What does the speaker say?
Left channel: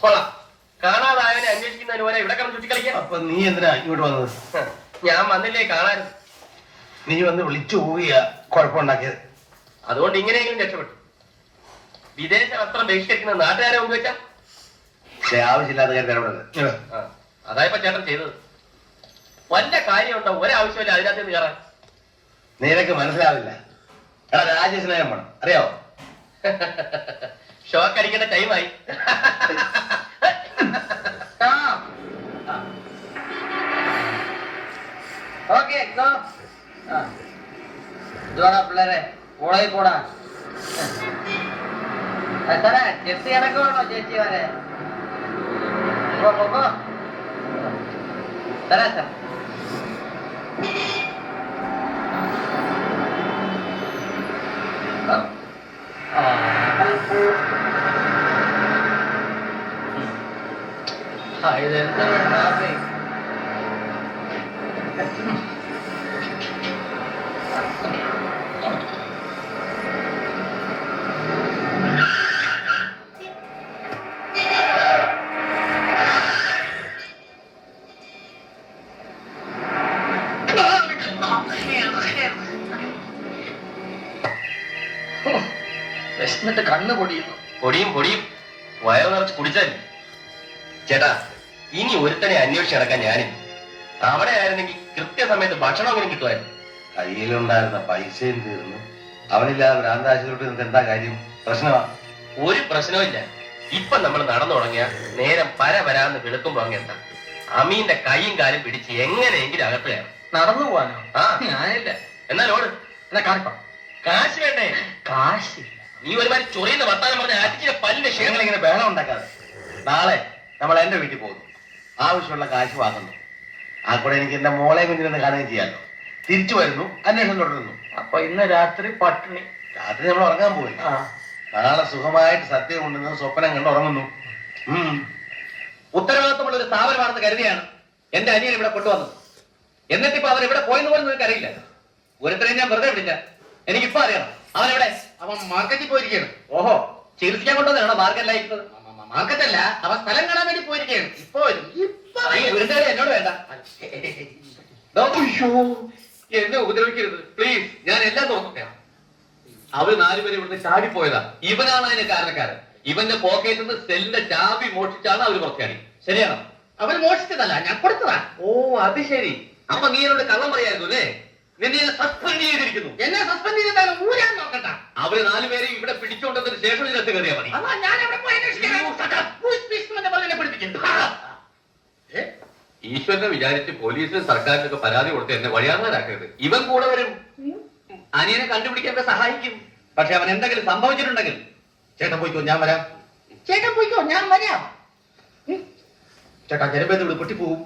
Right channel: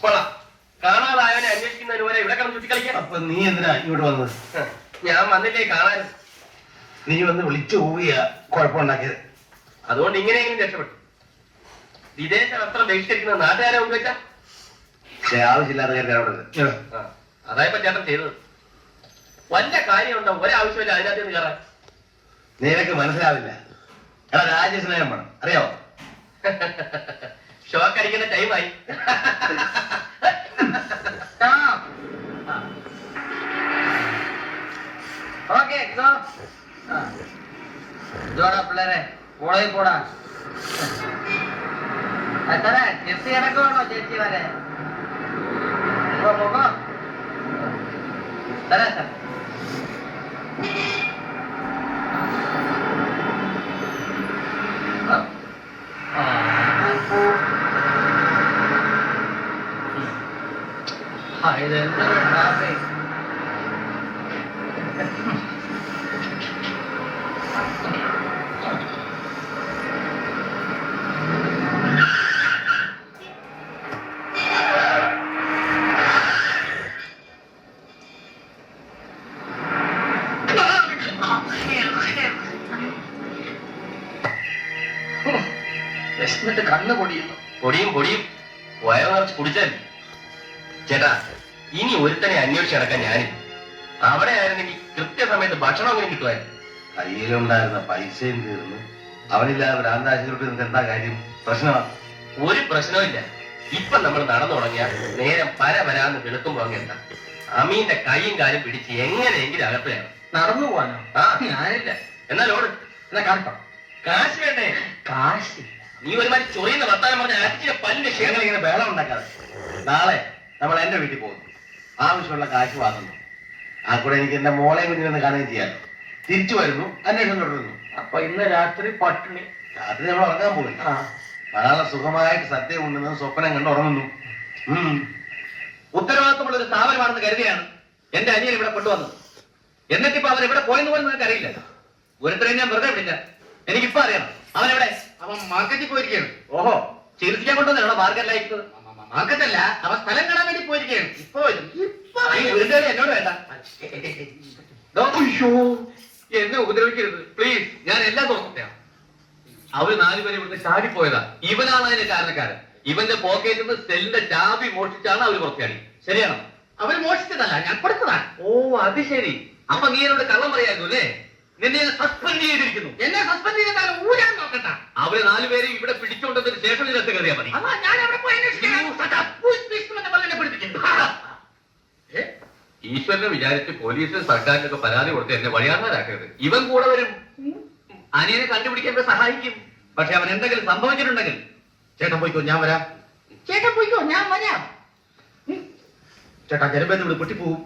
കൊള്ളാം. കാണാതായവനെ അന്വേഷിക്കുന്നതിന് പോലെ ഇവിടെ കിടന്ന് ചുറ്റിക്കളിക്കാം. അപ്പൊ നീ എന്തിനാ ഇങ്ങോട്ട് വന്നത്? ഞാൻ വന്നില്ലേ കാണാൻ. നീ വന്ന് വിളിച്ചു പോവുക കുഴപ്പമുണ്ടാക്കിയത്. അതുകൊണ്ട് ഇങ്ങനെയെങ്കിലും രക്ഷപ്പെട്ടു. വിദേശ വസ്ത്രം ബഹിഷ്കരിക്കുന്ന നാട്ടുകാരെ ഉപയോഗിച്ചാ ആവശ്യമില്ലാത്ത കാര്യം ഇടപെടരുത്. അതായപ്പോ ചേട്ടൻ ചെയ്തത്. വല്ല കാര്യമുണ്ടോ? ഒരാവശ്യമില്ല അതിനകത്ത് നിന്ന് കയറാൻ. നിനക്ക് മനസ്സിലാവില്ല. എടാ രാജ്യസ്നേഹം വേണം, അറിയാവോ? ഷോക്ക് അടിക്കേണ്ട ടൈമായി. പിള്ളേരെ കോളേജിൽ പോടാ. സാറേ ചെത്തി ഇടക്കണോ ചേച്ചി വരെ? തരാം സാർ. ഇതെന്താ കാപ്പി? വിശന്നിട്ട് കണ്ണ് പൊടിയുന്നു. പൊടിയും വയറ് നിറച്ച് കുടിച്ചാൽ. ചേട്ടാ, ഇനി ഒരുത്തനെ അന്വേഷിച്ച് നടക്കാൻ ഞാനില്ല. അവിടെ ആയിരുന്നെങ്കിൽ കൃത്യസമയത്ത് ഭക്ഷണം അങ്ങനെ കിട്ടുമായിരുന്നു. കയ്യിലുണ്ടായിരുന്ന പൈസയും തീർന്നു. അവനില്ലാതെ ഭ്രാന്താശുപത്രി എന്താ കാര്യം? പ്രശ്നമാണ്. ഒരു പ്രശ്നവും. ഇപ്പൊ നമ്മൾ നടന്നു തുടങ്ങിയ നേരം വരാന്ന് കിടക്കുമ്പോ അങ്ങെന്താ അമീന്റെ കൈയും കാലും പിടിച്ച് എങ്ങനെയെങ്കിലും അകപ്പെയാണ്. നടന്നു പോവാനോ? ആ ഞാനില്ല. എന്നാലോട്. എന്നാ കാണിപ്പാ. കാശ് വേണ്ടേ? കാശില്ല. നീ ഒരുമാതിരി ചൊറിയുന്ന വർത്താനം പറഞ്ഞ ആറ്റിച്ചിന്റെ പല്ലിന്റെ ക്ഷേമം. ഇങ്ങനെ ബഹളം ഉണ്ടാക്കാതെ. നാളെ നമ്മൾ എന്റെ വീട്ടിൽ പോകുന്നു. ആവശ്യമുള്ള കാശ് വാങ്ങുന്നു. ആ കൂടെ എനിക്ക് എന്റെ മോളെ കുഞ്ഞിനെ കാണുകയും ചെയ്യാമല്ലോ. തിരിച്ചു വരുന്നു, അന്വേഷണം തുടരുന്നു. അപ്പൊ ഇന്ന് രാത്രി പട്ടിണി. രാത്രി നമ്മൾ ഉറങ്ങാൻ പോയില്ല. നാളെ സുഖമായിട്ട് സത്യം ഉണ്ടെന്ന് സ്വപ്നം കണ്ട് ഉറങ്ങുന്നു. ഉത്തരവാദിത്തമുള്ള ഒരു സ്ഥാപനമാണെന്ന് കരുതിയാണ് എന്റെ അനിയൻ ഇവിടെ കൊണ്ടുവന്നത്. എന്നിട്ടിപ്പോ അവൻ ഇവിടെ പോയെന്ന് പോലും നിങ്ങൾക്ക് അറിയില്ല. ഒരുത്തരെയും ഞാൻ വെറുതെ വിടില്ല. എനിക്കിപ്പോ അറിയണം അവനെവിടെ. അവൻ മാർക്കറ്റിൽ പോയിരിക്കുകയാണ്. ഓഹോ, ചികിത്സിക്കാൻ കൊണ്ടുവന്നാണോ മാർക്കറ്റിലായിരിക്കുന്നത്? മാർക്കറ്റല്ല, അവൻ സ്ഥലം കാണാൻ വേണ്ടി പോയിരിക്കുകയാണ്. ഇപ്പൊ എന്നോട് വേണ്ട. എന്നെ ഉപദ്രവിക്കരുത് പ്ലീസ്. ഞാൻ എല്ലാം നോക്കട്ടെയാണ്. അവര് 4 പേര് ഇവിടുന്ന് ചാടിപ്പോയതാ. ഇവനാണ് അതിന്റെ കാരണക്കാരൻ. ഇവന്റെ പോക്കറ്റിൽ നിന്ന് സെല്ലിന്റെ ചാബി മോഷിച്ചാണ് അവര് പുറത്താടി. ശരിയാണോ? അവർ മോഷിച്ചതല്ല, ഞാൻ കൊടുത്തതാണ്. ഓ അത് ശരി. അപ്പൊ നീ എന്നോട് കള്ളം പറയായിരുന്നു അല്ലേ? നിന്നെ സസ്പെൻഡ് ചെയ്തിരിക്കുന്നു. എന്നെ സസ്പെൻഡ് ചെയ്താലും ഊരാൻ നോക്കട്ടെ. അവര് 4 പേരെ ഇവിടെ പിടിച്ചുകൊണ്ടതിന് ശേഷം ഇതിനകത്ത് കയറിയാ മതി. അതാ ഞാൻ അവിടെ പോയി ഈശ്വരനെ വിചാരിച്ച് പോലീസിനും സർക്കാരിനൊക്കെ പരാതി കൊടുത്ത് എന്നെ വഴിയാറാക്കരുത്. ഇവൻ കൂടെ വരും. അനിയനെ കണ്ടുപിടിക്കാൻ സഹായിക്കും. പക്ഷെ അവൻ എന്തെങ്കിലും സംഭവിച്ചിട്ടുണ്ടെങ്കിൽ ചേട്ടൻ പോയിക്കോ, ഞാൻ വരാം. ചേട്ടൻ പോയിക്കോ, ഞാൻ വരാം. ചേട്ടാ, ജനബന്ധം ഇവിടെ പൊട്ടിപ്പോവും.